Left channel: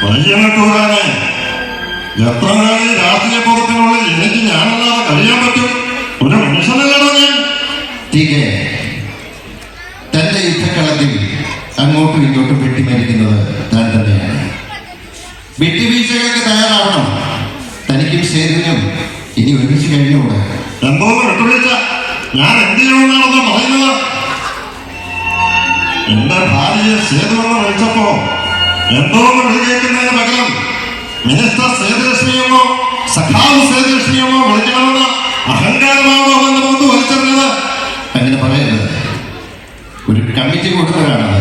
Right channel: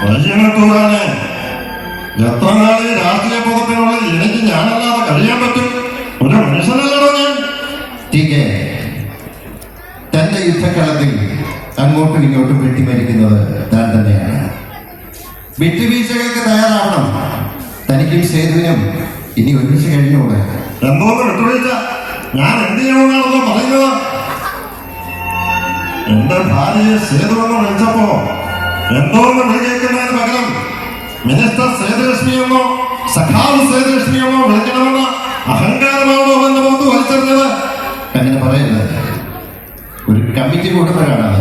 വൈകിയനത്തൂരാനെ എത്ര നാളെ രാഷ്ട്രീയ ബോധത്തിനുള്ളിൽ എനിക്ക് ഞാനല്ലാതെ കഴിയാൻ പറ്റും? ഒരു മനുഷ്യനല്ലോ ഞാൻ. തന്റെ യുദ്ധക്കളത്തിൽ അങ്ങോട്ടും ഇങ്ങോട്ടും വെട്ടിമരിക്കുന്നത് താൻ തന്നെയാണ്. വിട്ടുവീഴ്ചകൾക്ക് തയ്യാറാവണം. തനിക്കും സേതുവിനും ഇനി ഒരുമിച്ച് കഴിഞ്ഞുകൂടെ. എന്തോന്ന് വിട്ടുവീഴ്ച? ഞാൻ എന്ത് ചെയ്യണമെന്നാണെന്നോ പറയുന്നത്? എന്റെ ഭാര്യയെ സേതുവെന്ന് വിളിച്ചപ്പോ എന്തോന്ന് വിളിക്കേക്കുന്നതിന് പകരം മിനിസ്റ്റർ സേതുലക്ഷ്മിയെന്നോ സഖാവ് സേതുലക്ഷ്മിയെന്നോ വിളിക്കണമെന്ന് അഹങ്കാരമാണോ എന്റെ മുമ്പ് വലിച്ചെറിഞ്ഞത്? അങ്ങനെ പറയരുത്. ഒരു കമ്മിറ്റി കൂട്ടുന്നവരാണ്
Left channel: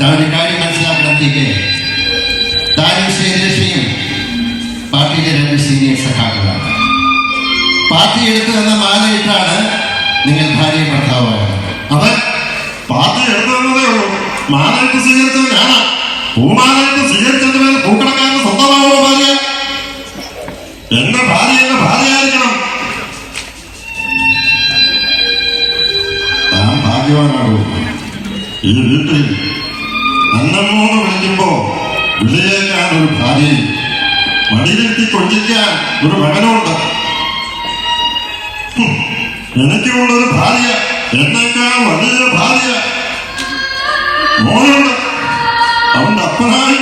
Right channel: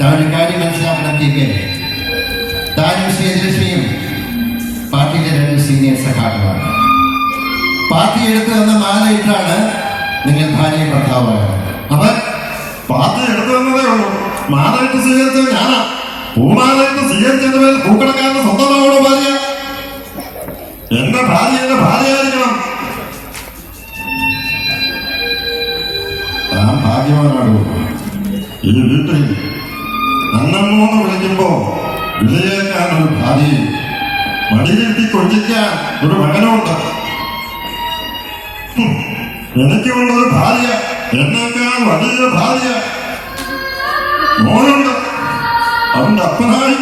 താൻ കാര്യം മനസ്സിലാക്കണം. താനും സേതുലക്ഷ്മിയും പാർട്ടിയിലെ 2 സീനിയർ സഖാക്കളാണ്. പാർട്ടി എടുത്തു തന്ന മാലയിട്ടാണ് നിങ്ങൾ ഭാര്യയും ഭർത്താവായത്. അവൻ പാർട്ടി എടുത്തു തന്നതേ ഉള്ളൂ. മാലയിട്ട് സ്വീകരിച്ചത് ഞാനാ. പൂമാലയിട്ട് സ്വീകരിച്ചതിന് മേൽ പൂക്കടക്കാരന് സ്വന്തമാണോ ഭാര്യ? എന്റെ ഭാര്യ എന്റെ ഭാര്യയായിരിക്കണം. താൻ ഭാഗ്യവാനാണോ? ഈ വീട്ടിൽ അന്നമ്മൂന്ന് വിളിക്കുമ്പോ വിളിയേക്കാൻ ഒരു ഭാര്യയും മടിയിലെത്തി കൊഞ്ചിക്കാൻ ഒരു മകനുമുണ്ട്. എനിക്കുള്ളൊരു ഭാര്യ, എന്നേക്കാൾ വലിയ ഭാര്യ മോനുണ്ട്. അവന്റെ അപ്പനായി